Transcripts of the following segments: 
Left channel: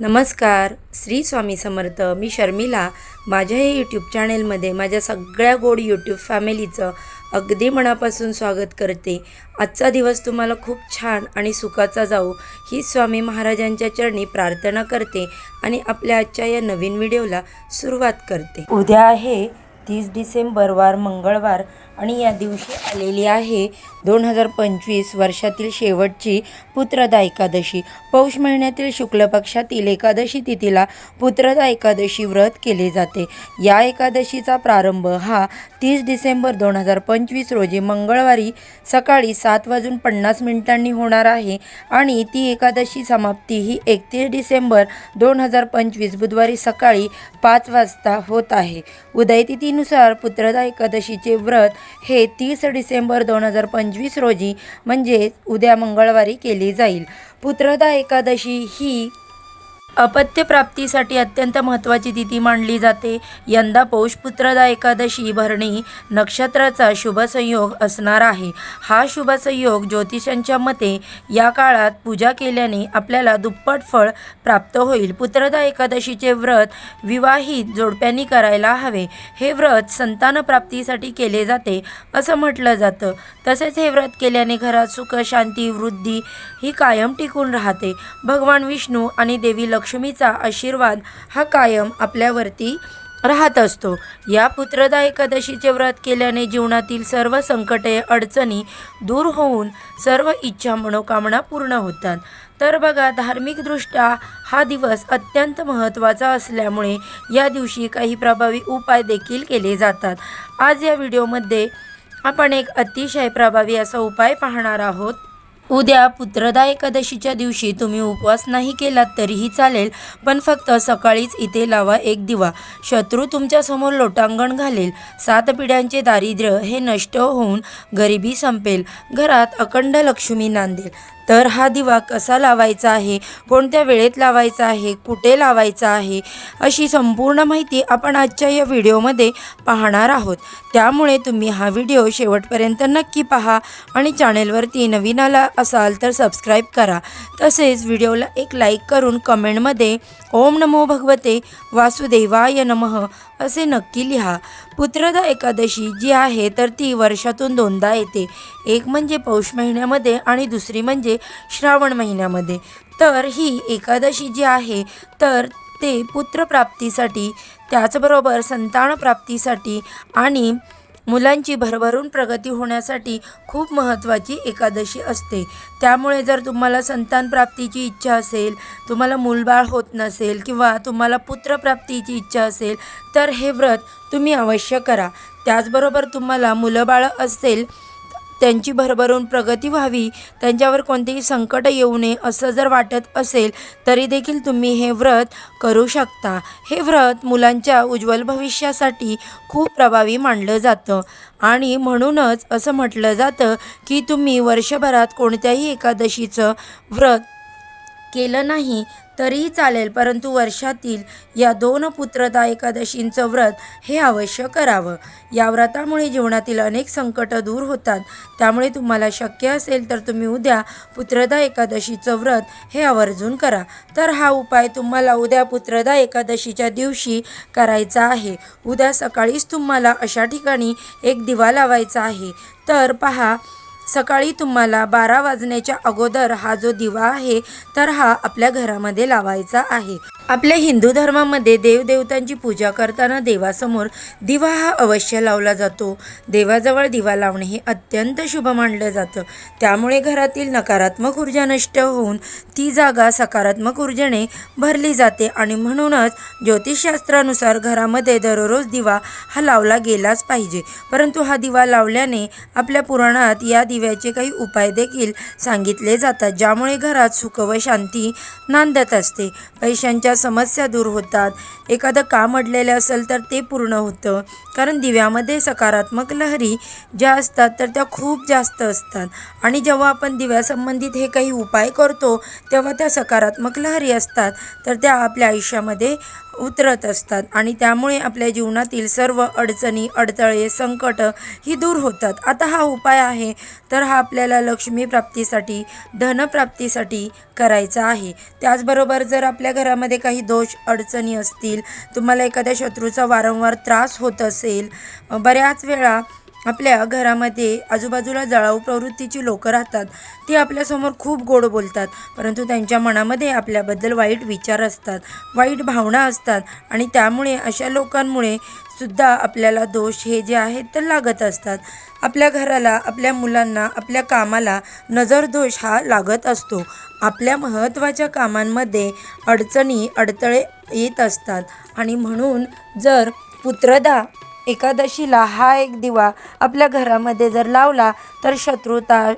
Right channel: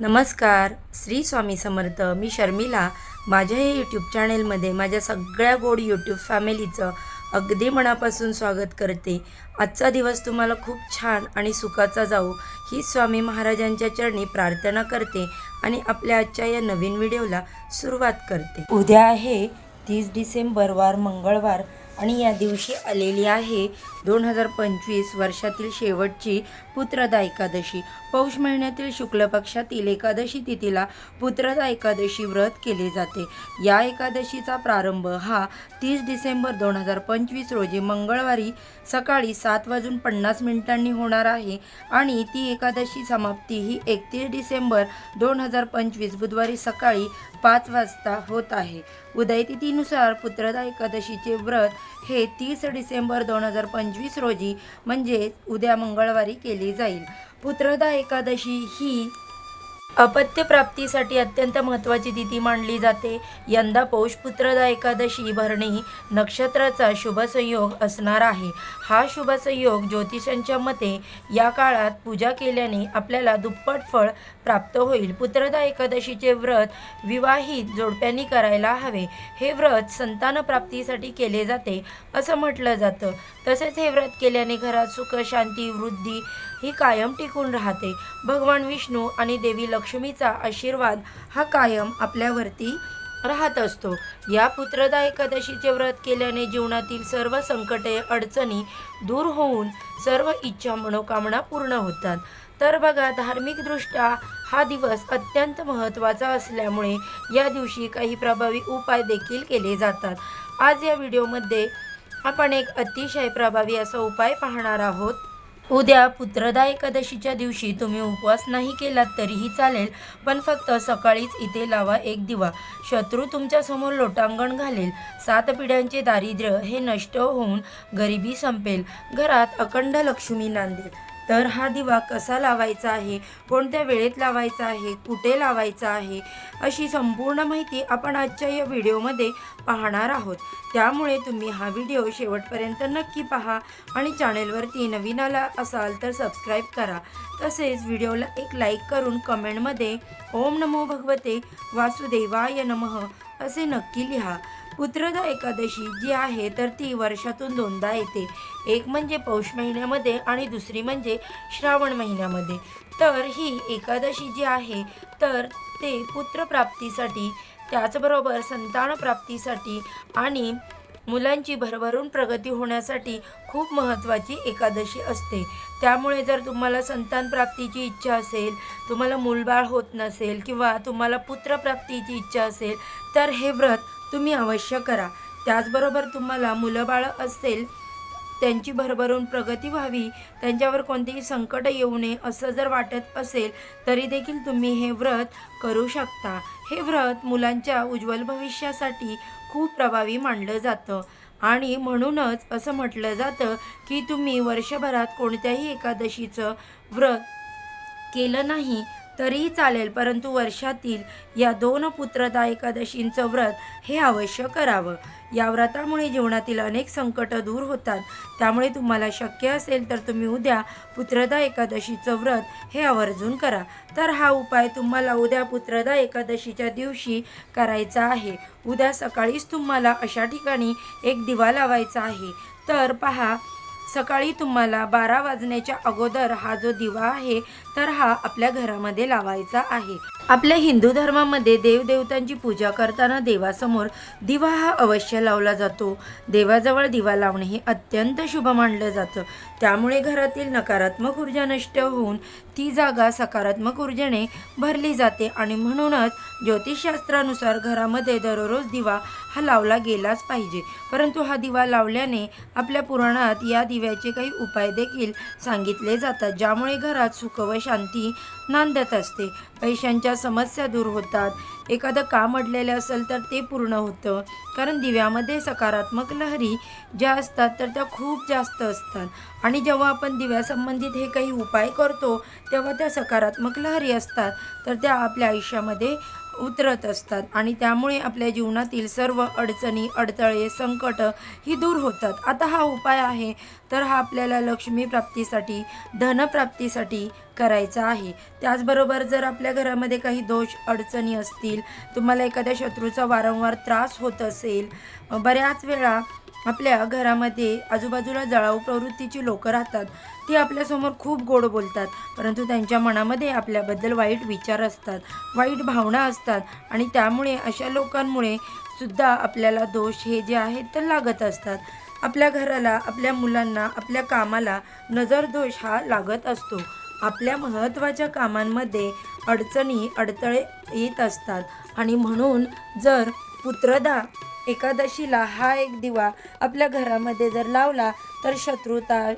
नमस्कार. श्री स्वामी समर्थ. मी शर्मिला. माझ्या हे यूट्यूब चॅनेलमध्ये माझ्या सगळ्या गोड यूट्यूब फॅमिलीचं अगदी मनापासून स्वागत करते. आजचा दिवस तुम्हाला खूप छान आणि सुखाचा जाऊ ही स्वामी महाराजांच्या चरणी प्रार्थना करते आणि आपल्या आजच्या या नवीन व्हिडिओला सुरुवात करते. उद्या आहे 30 डिसेंबर वार मंगळवार आणि या दिवशी आलेली आहे 2025 वर्षातील शेवटची पुत्रदा एकादशी. पौष महिन्यातील शुक्ल पक्षातील एकादशी तिथीला पुत्रदा एकादशी व्रत केले जाते. या एकादशीचा प्रारंभ हा 30 डिसेंबर 2025 रोजी मंगळवारी सकाळी 7:50 होणार आहे आणि ती एकादशी समाप्ती ही 31 डिसेंबर 2025 बुधवारी सकाळी 5 वाजता होत आहे. उदयतिथीनुसार पुत्रदा एकादशीचे व्रत हे 30 डिसेंबर 2025 रोजी म्हणजे उद्या मंगळवारी केले जाईल. पुत्रदा एकादशी ही अपत्य प्राप्तीसाठी अत्यंत महत्त्वाची तिथी मानली जाते. यंदा पौष पुत्रदा एकादशी भरणी नक्षत्राचा शुभ संयोग असणार आहे. हा शुभ संयोग ज्योतिषांच्या मते या काळात पूजा केल्याने आपल्याला दुप्पट फळ प्राप्त होईल. पुत्रदा एकादशीचे व्रत विवाहित जोडप्यांनी करायला हवे. हे व्रत संतान प्राप्तीसाठी केले जाते असं म्हटलं जातं. तसेच हे व्रत केल्याने घरात सुख शांती वृद्धी ही कायम टिकून राहते. भगवान विष्णू आणि देवी लक्ष्मीचा आशीर्वाद हा कायम आपल्यावरती राहत असतो. या पुत्रदा एकादशीचे व्रत केल्याने जीवनातील सर्व संकटे अडचणी दूर होऊन सर्व इच्छा मनोकामना पूर्ण होतात. तर बघा, धार्मिकदृष्ट्या हा दिवस अत्यंत महत्त्वाचा असल्यामुळे या दिवशी काही प्रभावी उपाय देखील केले जातात. आज या व्हिडिओमध्ये आपण एक अतिशय प्रभावी असा उपाय पाहणार आहोत. उद्या पुत्रदा एकादशीच्या दिवशी तुम्ही उपवास नाही केलात तरीही चालेल, पण फक्त सकाळीच इथे लावा एक दिवा. शत्रू तुमच्यासमोर लोटांगण घालेल. 7 पिढ्यांचे दारिद्र्य हे नष्ट होऊन गरिबी संपेल. घरात अखंड लक्ष्मी नांदेल. तर हा दिवा कसा लावायचा आहे, कोणत्या वेळेत लावायचा आहे, कुठे लावायचा आहे, अशी संपूर्ण माहिती आपण आजच्या या व्हिडिओमध्ये पाहणार आहोत. त्यामुळे तुम्ही हा व्हिडिओ शेवटपर्यंत नक्की पहा आणि चॅनेलवरती नवीन आला असाल तर सबस्क्राईब करा. तसेच व्हिडिओला एक लाईक करून कमेंटमध्ये ओम नमो भगवते वासुदेवाय नमः असे नक्की लिहा. पुत्रदा एकादशी जी आहे तर ती वर्षातून 2दा येते. एक म्हणजे पौष महिन्यामध्ये आणि दुसरी म्हणजे श्रावण महिन्यामध्ये. तर ही एकादशी जी आहे तर ते पुत्रप्राप्तीसाठी त्याचबरोबर संतान प्राप्तीसाठी आणि मुलांची भरभरून प्रगती होण्यासाठी खूप महत्त्वाची एकादशी असते. त्यामुळे जर तुम्हाला संतान प्राप्तीची इच्छा असेल, तुम्हाला मूलबाळ होत नसेल किंवा तुम्हाला पुत्रप्राप्तीची इच्छा असेल तर हे व्रत तुम्ही अवश्य करा. त्याचबरोबर तुम्हाला मुलंबाळं असेल, त्यांची भरभरून प्रगती व्हावी, त्यांच्यावर कोणतेही संकट येऊ नये असं जर वाटत असेल तरी देखील तुम्ही हे व्रत करू शकता. हे व्रत मुलांच्या उज्ज्वल भविष्यासाठी खूप प्रभावी मानलं जातं आणि म्हणूनच असं म्हटलं जातं की तुम्ही वर्षभरात कोणत्याही एकादशीचं व्रत केलं नाही तरीही चालेल, परंतु वर्षातील या 2 पुत्रदा एकादशींचं व्रत हे अवश्य करावं. या व्रतामुळे जीवनातील अनेक संकट दूर होतात. त्यामुळे तुम्हाला शक्य असेल तर तुम्ही उद्या पुत्रदा एकादशीचं व्रत हे आवर्जून करा. तर हा उपाय तुम्हाला उद्या पुत्रदा एकादशीच्या दिवशी करायचा आहे. उद्या सकाळीच तुम्हाला अशा ठिकाणी एक दिवा लावायचा आहे. तर पहा, सकाळी तुम्हाला 12 वाजण्याच्या अगोदर हा जो दिवा आहे तर हा आपल्या घरामध्ये लावायचा आहे. आपल्या हिंदू धर्मामध्ये देवदेवतांची पूजा करताना देवासमोर दिवा हा अवश्य लावला जातो. देवाजवळ दिवा लावणे हे अत्यंत शुभ मानलं जातं. त्यामुळे घरातील नकारात्मक ऊर्जा नष्ट होऊन ती जागा सकारात्मक ऊर्जेने भरली जाते आणि म्हणूनच ज्योतिषशास्त्रानुसार घरामध्ये दररोज दिवा हा लावला गेलाच पाहिजे. परंतु हा दिवा लावल्याने आपल्या पुराणात या दिव्याचे काही उपाय देखील सांगितले जातात, ज्यामुळे घरात सुख व शांती नांदत असते. पैशांच्या समस्या दूर होतात. एखादं काम अडलेलं असेल तर ते पूर्ण होतं, कारण दिव्यामध्ये सकारात्मक लहरी ज्या असतात तर त्या खूप जास्त असतात आणि जेव्हा आपण दिव्यासंबंधित हे काही उपाय करतो तेव्हा त्या सकारात्मक लहरी असतात तर त्या आपल्या आयुष्यामध्ये उतरत असतात आणि त्यामुळे आपल्या जीवनातील सर्व अडचणी, अडथळे, संकट ही दूर होतात. आता हा उपाय आहे तर हा आपल्याला लक्ष्मी प्राप्तीसाठी, धनप्राप्तीसाठी करायचा आहे. त्याचबरोबर जर आपल्या घरामध्ये काही दोष, अडचणी असतील, तुम्हाला एखाद्या शत्रूचा वारंवार त्रास होत असेल, बऱ्याच वेळा आपल्या घरामध्ये आजूबाजूला जळाऊ प्रवृत्तीची लोकं राहतात. ती आपल्यासमोर खूप गोड बोलतात, परंतु त्यांच्या मनामध्ये आपल्याबद्दल वाईट विचार असतात, वाईट भावना असतात आणि त्यामुळे अशा लोकांमुळे सुद्धा आपल्याला दोष हे जे आहेत ते लागत असतात. आपल्या घराला, आपल्या मुलांना, आपल्या कामाला नजरदोष हा लागत असतो. आपल्या महत्त्वाच्या कामांमध्ये अडचणी, अडथळे येत असतात आणि म्हणून जर पुत्रदा एकादशीला हा एक दिवा आपल्या घरामध्ये जर लावला तर शत्रुता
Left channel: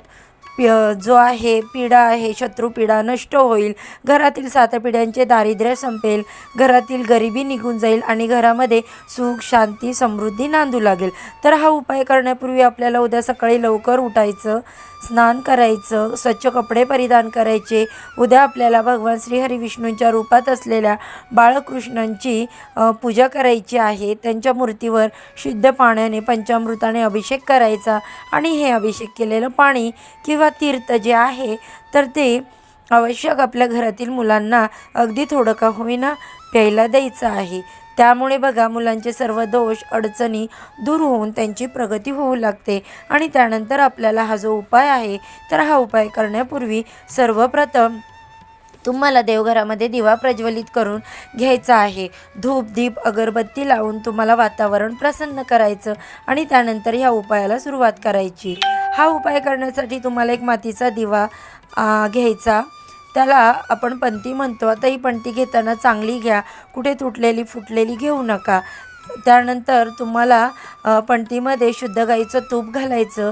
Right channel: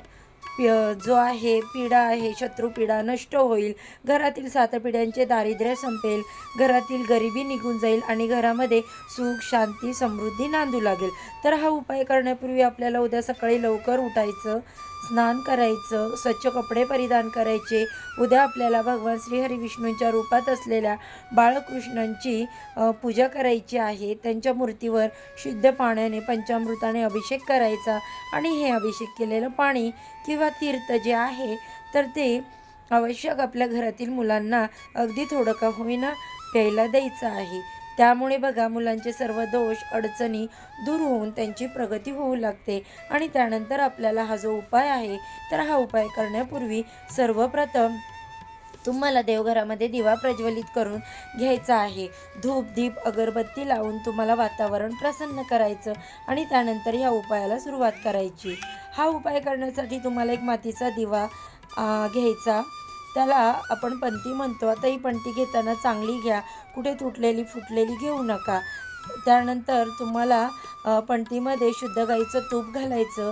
जो आहे, पीडा आहे, शत्रुपीडा नष्ट होईल. घरातील 7 पिढ्यांचे दारिद्र्य संपेल, घरातील गरिबी निघून जाईल आणि घरामध्ये सुख, शांती, समृद्धी नांदू लागेल. तर हा उपाय करण्यापूर्वी आपल्याला उद्या सकाळी लवकर उठायचं, स्नान करायचं, स्वच्छ कपडे परिधान करायचे. उद्या आपल्याला भगवान श्रीहरी विष्णूंच्या रूपात असलेल्या बाळकृष्णांची पूजा करायची आहे. त्यांच्या मूर्तीवर शुद्ध पाण्याने, पंचामृताने अभिषेक करायचा आणि हे अभिषेक केलेलं पाणी किंवा तीर्थ जे आहे तर ते आवश्यक आपल्या घरातील मुलांना अगदी थोडं का होईना प्यायला द्यायचं आहे. त्यामुळे बघा, मुलांचे सर्व दोष, अडचणी दूर होऊन त्यांची प्रगती होऊ लागते आणि त्यानंतर आपल्याला हा जो उपाय आहे तर हा उपाय करण्यापूर्वी सर्वप्रथम तुम्हाला देवघरामध्ये दिवा प्रज्वलित करून घ्यायचा आहे. धूप, दीप, अगरबत्ती लावून तुम्हाला वातावरण प्रसन्न करायचं आणि त्यानंतर ह्या उपायाला सुरुवात करायची. हा उपाय करण्यासाठी तुम्हाला एक मातीचा दिवा घ्यायचा. त्याला आपण पंती म्हणतो. आता ही पंती घेताना चांगली घ्या, कुठे तुटलेली फुटलेली घेऊ नका. त्यानंतर तुम्हाला पंतीमध्ये शुद्ध गाईचं तूप घालायचं.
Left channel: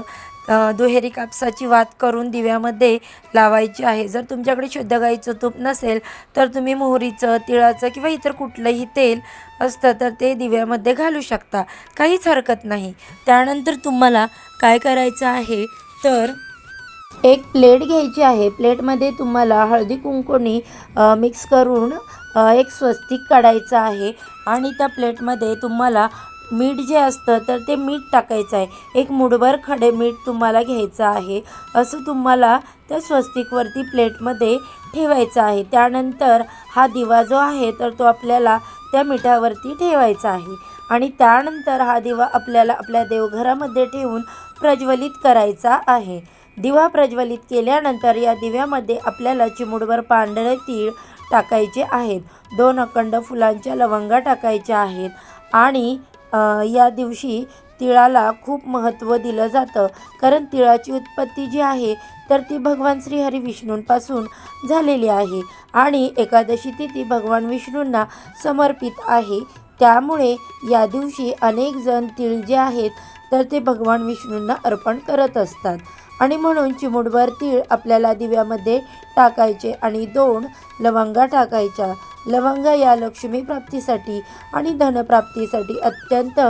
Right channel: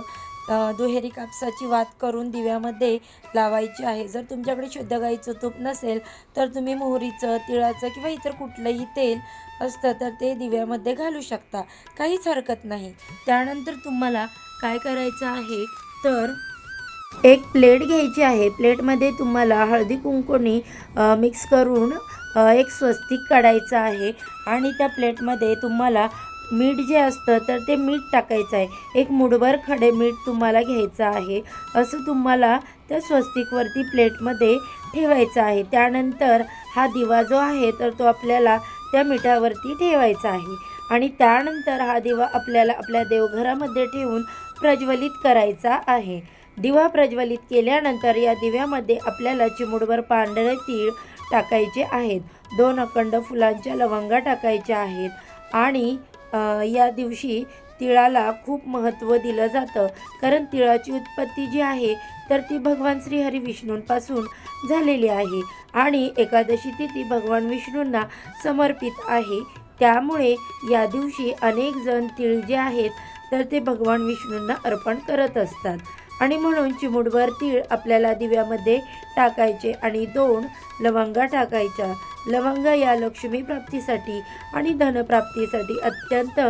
दुहेरी कापसाची वात करून दिव्यामध्ये लावायची आहे. जर तुमच्याकडे शुद्ध गाईचं तूप नसेल तर तुम्ही मोहरीचं, तिळाचं किंवा इतर कुठलंही तेल असतं तर ते दिव्यामध्ये घालू शकता, काहीच हरकत नाही. त्यानंतर तुम्हाला काय करायचं आहे तर एक प्लेट घ्यायची आहे. प्लेटमध्ये तुम्हाला हळदी कुंकूनी मिक्स करून एक स्वस्तिक काढायचं आहे आणि त्या प्लेटमध्ये तुम्हाला मीठ जे असतं तर ते मीठ टाकायचं आहे. एक मुठभर खडे मीठ तुम्हाला घ्यायचं आहे. असं तुम्हाला त्या स्वस्तिकवरती प्लेटमध्ये ठेवायचं आहे. त्यानंतर हा दिवा जो आहे तर तो आपल्याला त्या मिठावरती ठेवायचा आहे आणि त्यानंतर हा दिवा आपल्याला आपल्या देवघरामध्ये ठेवून प्रज्वलित करायचा आहे. दिवा प्रज्वलित केल्यानंतर या दिव्यामध्ये आपल्याला चिमूटभर पांढरे तीळ टाकायचे आहेत. 2 अखंड फुलांच्या लवंगा टाकायच्या आहेत आणि या दिवशी तिळाला खूप महत्त्व दिलं जातं, कारण तिळाची उत्पत्ती जी आहे तर ती भगवान श्रीहरी विष्णूंपासून झालेली आहे आणि एकादशी तिथी भगवान विष्णूंना समर्पित आहे. त्यामुळे या दिवशी अनेक जण तीळ जे आहेत तर ते भगवान विष्णूंना अर्पण करत असतात आणि म्हणून चिमूटभर तीळ आपल्याला दिव्यामध्ये टाकायचे आणि 2 लवंगा टाकायच्या. लवंगा या लक्ष्मी प्राप्तीसाठी आणि धनप्राप्तीसाठी अत्यंत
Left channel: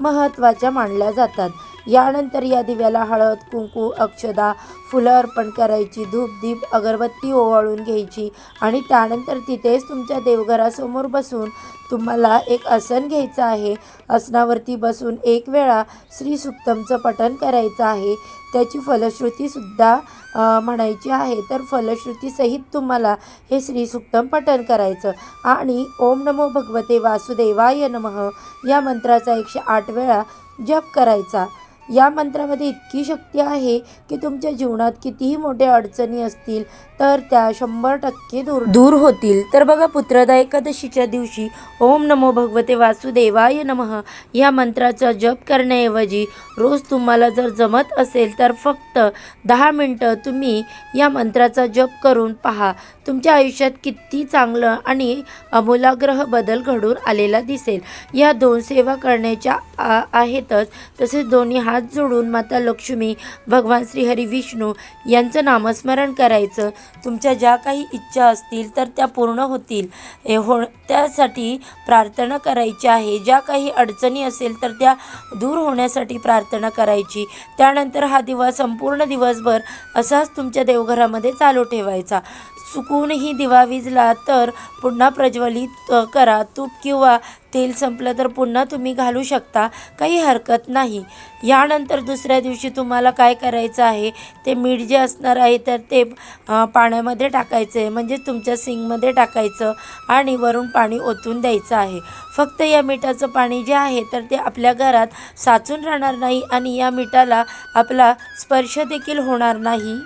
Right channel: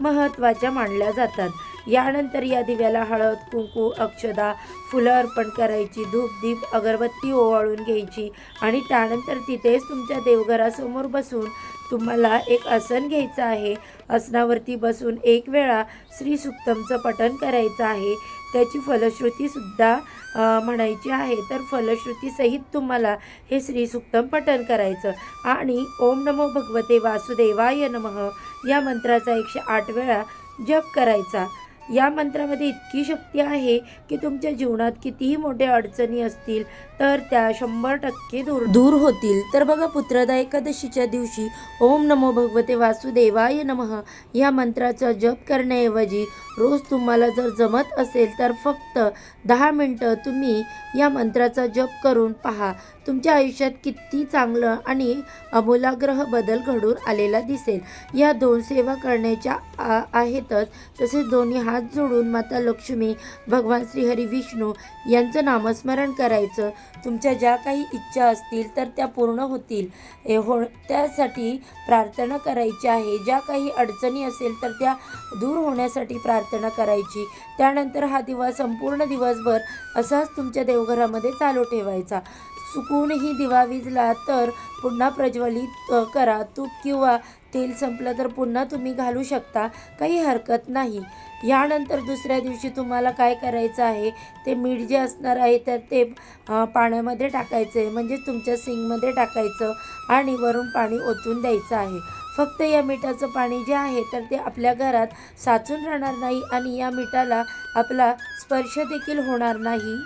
महत्त्वाच्या मानल्या जातात. यानंतर या दिव्याला हळद, कुंकू, अक्षदा, फुलं अर्पण करायची. धूप, दीप, अगरबत्ती ओवाळून घ्यायची आणि त्यानंतर तिथेच तुमच्या देवघरासमोर बसून तुम्हाला एक आसन घ्यायचं आहे. आसनावरती बसून 1 वेळा श्री सुक्तमचं पठण करायचं आहे. त्याची फलश्रुतीसुद्धा म्हणायची आहे. तर फलश्रुतीसहित तुम्हाला हे श्रीसुक्तम पठण करायचं आणि ओम नमो भगवते वासुदेवाय नमः या मंत्राचा 108 वेळा जप करायचा. या मंत्रामध्ये इतकी शक्ती आहे की तुमच्या जीवनात कितीही मोठ्या अडचणी असतील तर त्या 100% दूर होतील. तर बघा, पुत्रदा एकादशीच्या दिवशी ओम नमो भगवते वासुदेवाय नमः या मंत्राचा जप करण्याऐवजी रोज तुम्हाला जर जमत असेल तर फक्त 10 मिनटं तुम्ही या मंत्राचा जप करून पहा. तुमच्या आयुष्यात किती चांगलं आणि आमूलाग्र बदल घडून आलेला दिसेल. या 2 सेवा करण्याच्या आहेतच. तसेच दोन्ही हात जोडून माता लक्ष्मी, भगवान श्रीहरी विष्णू यांचं नामस्मरण करायचं. तुमच्या ज्या काही इच्छा असतील तर त्या पूर्ण होतील त्यासाठी प्रार्थना करायची आहे. ज्या काही अडचणी असेल तर त्या दूर होण्यासाठी प्रार्थना करायची. त्यानंतर हा दिवा संपूर्ण दिवसभर असाच तुमच्या देवघरामध्ये चालू ठेवायचा. चुकूनही दिवा विझला तर पुन्हा प्रज्वलित करा. तूप किंवा तेल संपलं तर पुन्हा तुम्ही घालू शकता, काही हरकत नाही. यानंतर दुसऱ्या दिवशी तुम्हाला काय करायचं आहे, ते मीठ जे असणार आहे तर ते पाण्यामध्ये टाकायचं आहे, म्हणजे तुमच्या सिंकमध्ये टाकायचं आणि वरून पाणी ओतून द्यायचं आहे. फक्त या मिठाचं पाणी जे आहे तर ते आपल्या घरात साचून राहणार नाही आणि या मिठाला आपला स्पर्श देखील होणार नाही,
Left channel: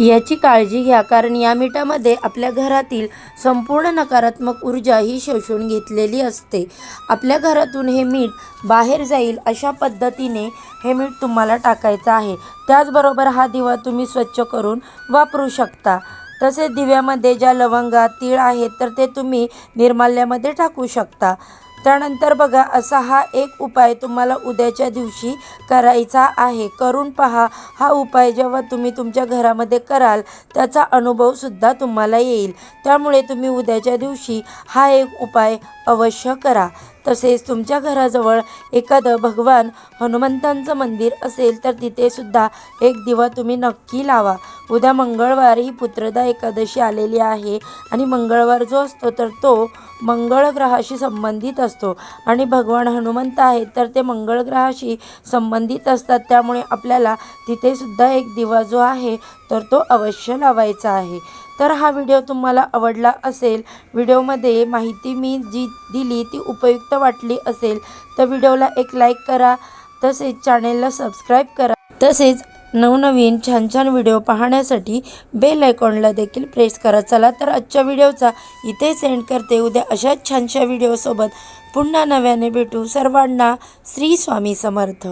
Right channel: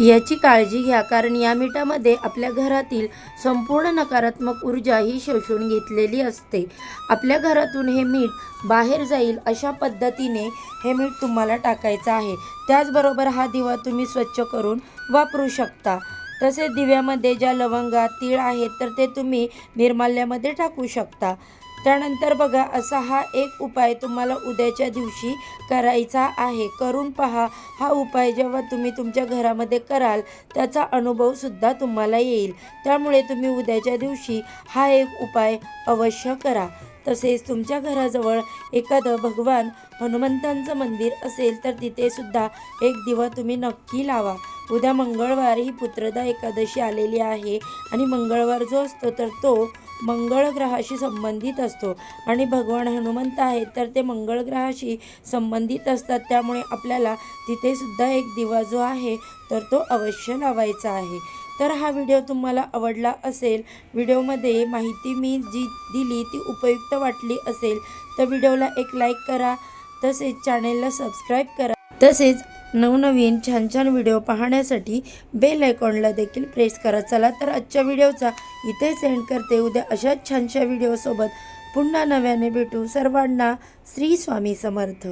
याची काळजी घ्या. कारण या मिठामध्ये आपल्या घरातील संपूर्ण नकारात्मक ऊर्जा ही शोषून घेतलेली असते. आपल्या घरातून हे मीठ बाहेर जाईल अशा पद्धतीने हे मीठ तुम्हाला टाकायचं आहे. त्याचबरोबर हा दिवा तुम्ही स्वच्छ करून वापरू शकता. तसेच दिव्यामध्ये ज्या लवंगा, तीळ आहेत तर ते तुम्ही निर्माल्यामध्ये टाकू शकता. त्यानंतर बघा, असा हा एक उपाय तुम्हाला उद्याच्या दिवशी करायचा आहे. करून पहा. हा उपाय जेव्हा तुम्ही तुमच्या घरामध्ये कराल त्याचा अनुभवसुद्धा तुम्हाला येईल. त्यामुळे तुम्ही उद्याच्या दिवशी हा एक उपाय अवश्य करा. तसेच तुमच्या घराजवळ एखादं भगवान हनुमंतांचं मंदिर असेल तर तिथे सुद्धा एक दिवा तुम्ही नक्की लावा. उद्या मंगळवार ही पुत्रदा एकादशी आलेली आहे आणि मंगळवार जो असतो तर तो मंगळ ग्रहाशी संबंधित असतो आणि भगवान हनुमंत आहेत तर ते मंगळ ग्रहाशी संबंधित असतात. त्यामुळे आपल्याला तिथे सुद्धा एक दिवा जो आहे तर तो अवश्य लावायचा आहे. तर हा व्हिडिओ तुम्हाला आवडला असेल, व्हिडिओमध्ये माहिती मी जी दिली ती उपयुक्त वाटली असेल तर व्हिडिओला एक लाईक करा. तसेच चॅनेलला सबस्क्राईब करा. तसेच नवनवीन छान छान व्हिडिओ पाहण्यासाठी बेल आयकॉनला देखील प्रेस करा. चला तर आजच्या व्हिडिओचा इथे सेंड करते. उद्या अशाच छानशा व्हिडिओसोबत पुन्हा नव्याने भेटू. सर्वांना श्री स्वामी समर्थ.